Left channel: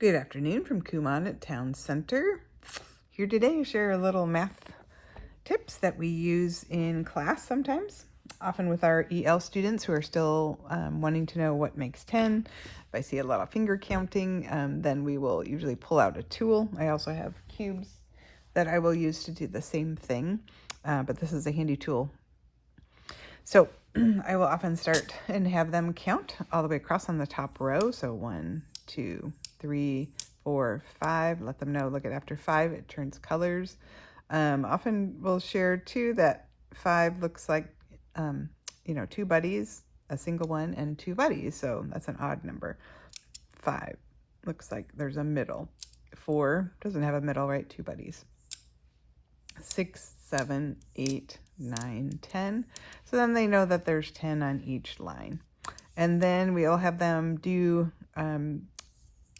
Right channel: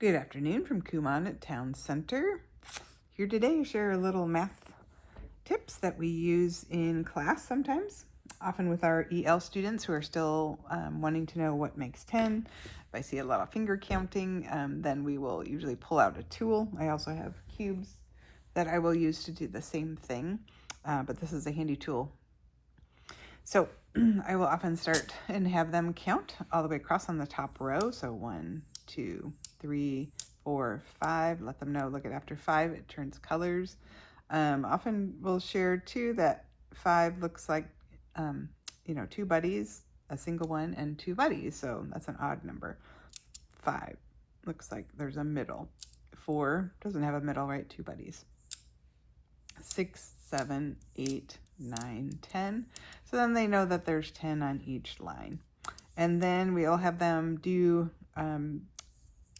Good afternoon from Kumon at Town Center. Here today to share a little math tips that we use in class sometimes, often with our EL students who are still wanting to know what makes 10. If I see a lot of finger counting, then we will usually pull out a tool. I also have cubes that I will use to do the same thing, but this is a handy tool. So I will often start and have them count all the way across on the top row. So 1, 2, 3, 4, 5. Let them know, look at after 5, it turns colors. Often we'll share too that 5 looks like, 2 buddies, a single one, and 2 buddies. So that's an odd number. 5 looks like there's a middle. 4 doesn't have a middle, right? 2 buddies. 6, 7, 8, 9, 10. So then they know that there's 10 on each line. And then we'll have them do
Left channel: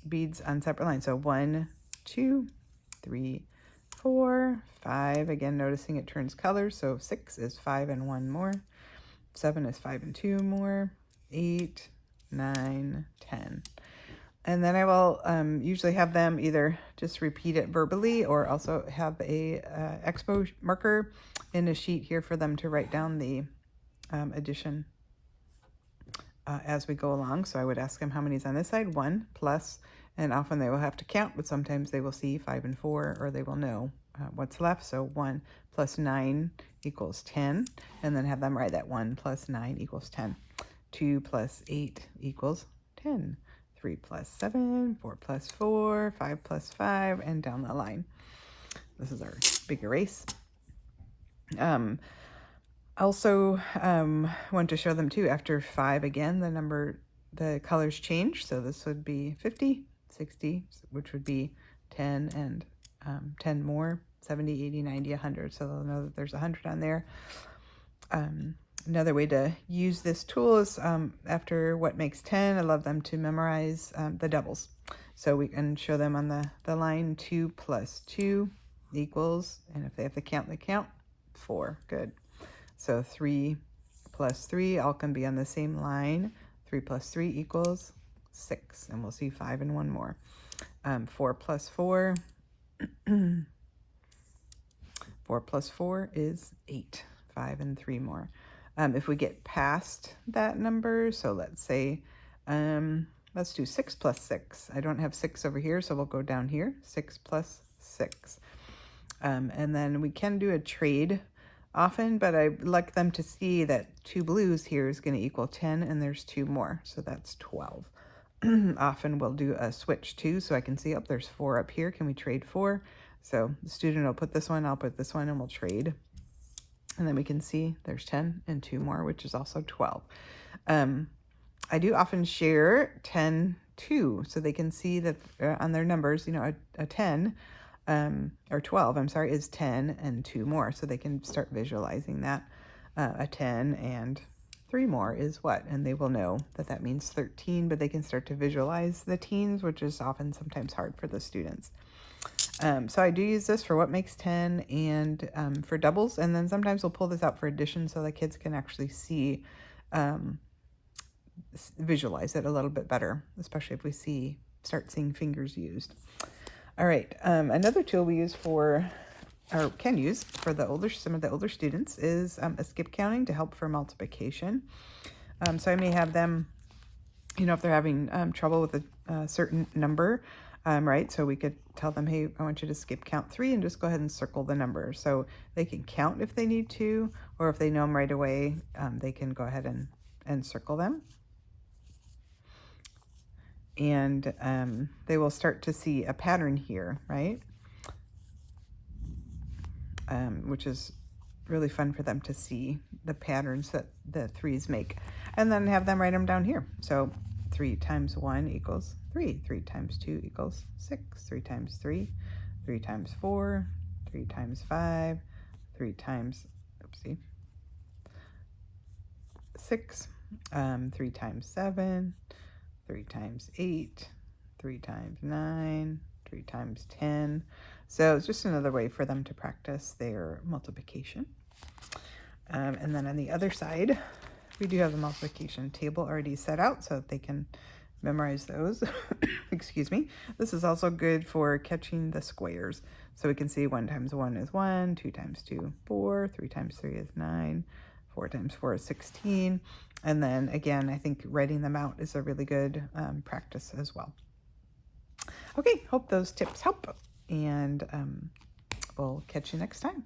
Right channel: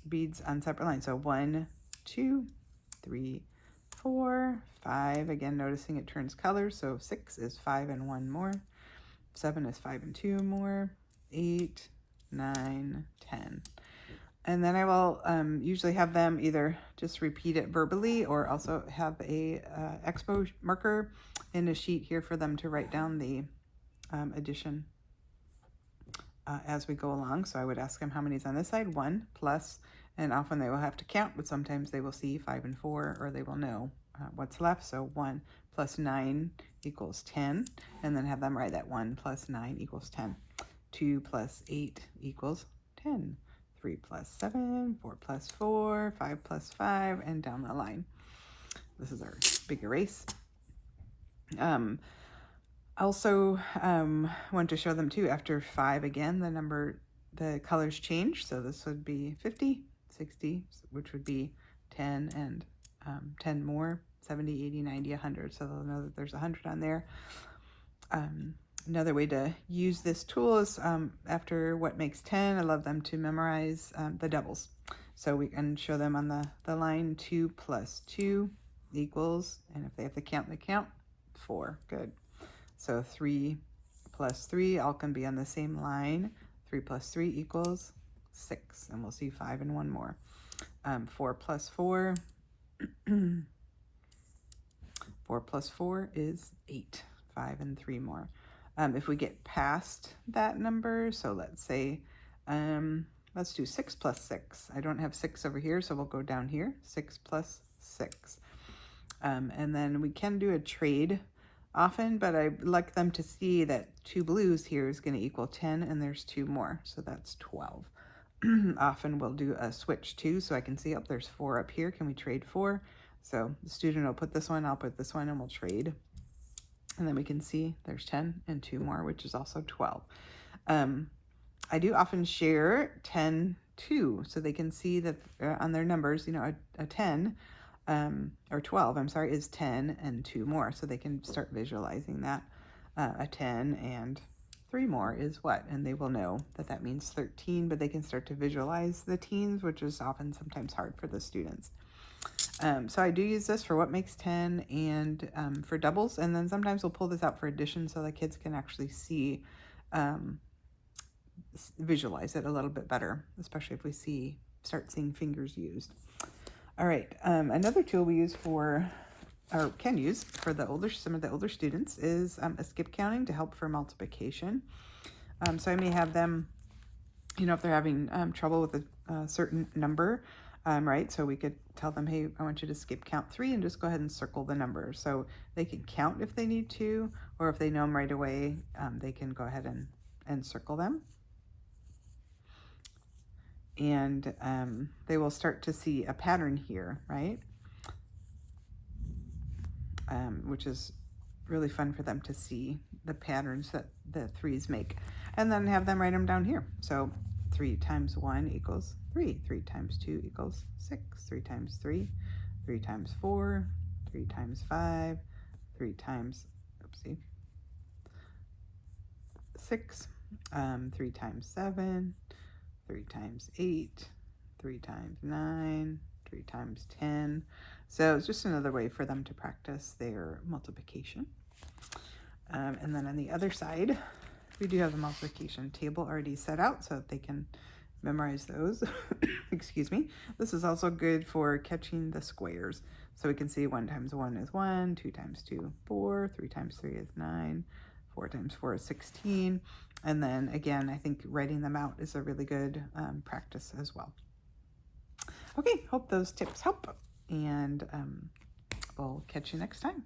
beads on separate lines. So 1, 2, 3, 4, 5. Again, noticing it turns colors. So 6 is 5 and 1 more. 7 is 5 and 2 more. 8, 9, 10. And then I will usually have them either just repeat it verbally or also have a expo marker in a sheet here for them to write down the addition as we go along. So I would ask them how many is on this side, 1 plus, and often they will have to count, but sometimes they will see 5 and 4, or they will know what's left. So 1 plus 9 equals 10, and then have them write that 1 plus 9 equals 10. 2 plus 8 equals 10. 3 plus 7, 4 plus 4, 5 plus 5, and down the line. This is our big erase. Also want to show them too, after 5 again, the colors change. So this would be 50, 60, which would be 10 and 10 more, 70, 80, 90, 100. So they'll know that there's 100 on there. Another way to use this tool is after what makes 10, I love them to memorize the doubles. So we can show them on the line 2 plus 2 equals, and if they have to count, they count, 4. Good. So 3 plus 3 all can be on the same line. 3 plus 3 equals 6, and we'll see 5 and 1 more. 4 plus 4, 4 plus 4 is 8, 5 and 3 more. If we get past that number, so let's say, let's do 6 plus 6. I don't have 6 over here, so we'll go down here, 6 plus 6. And then we can do a trade often, but I like them to see that 2 blues here is going to equal 10, and there's 2 more, so that's 12. Often we'll do a switch too, so I can see, oh, there's 4 up here. Can we trade 4? So the student will put this one, I'll put this one, and we'll trade. And then we can see there's 10 and 2 more, which is also 12. I do often share 10, 2, so they can see that on their numbers, a 10, or 12, I'm sorry, is 10 and 2 more. So they can start visualizing that. A 10 and 3 more is what? And they will know that that means 13, but they can start to visualize the teens, which is often sometimes hard for the students. So I do use this for what makes 10 and for doubles, and then sometimes we'll pull this out for addition so the kids can actually see, visualize it a little bit better, especially if we start seeing fingers used. All right, another tool we use or can use for some of the older students is a skip counting to help for multiplication. So I may have them, if they're having trouble with a certain number, right? So we could tell them, hey, I want you to skip count 3 and just go ahead and circle the number. So they can count if they need to, or if they know them right away, they can go ahead and circle them. And they will start to see a pattern here, right? Which is really fun for them to see the patterns that the 3s make. And then have them write them down here. So 3 times 1 equals 3. 3 times 2 equals 6. 3 times 3. 3 times 4. 3 times 5. 3 times, 6. 3 times 7. 3 times 8. 3 times 9. 3 times 10. So it's just another way for them to practice their multiplication. And then on the other side, we do have a multiplication table already set out so that they can memorize those. Excuse me. This is also good for catching the squares. So we can see 1 times 1 is 1, 2 times 2, 4, 3 times 3 is 9, 4 times 4 is 16. And then again, I think writing them out is a really good practice as well. Okay, hope those tips help, and we'll catch you next time.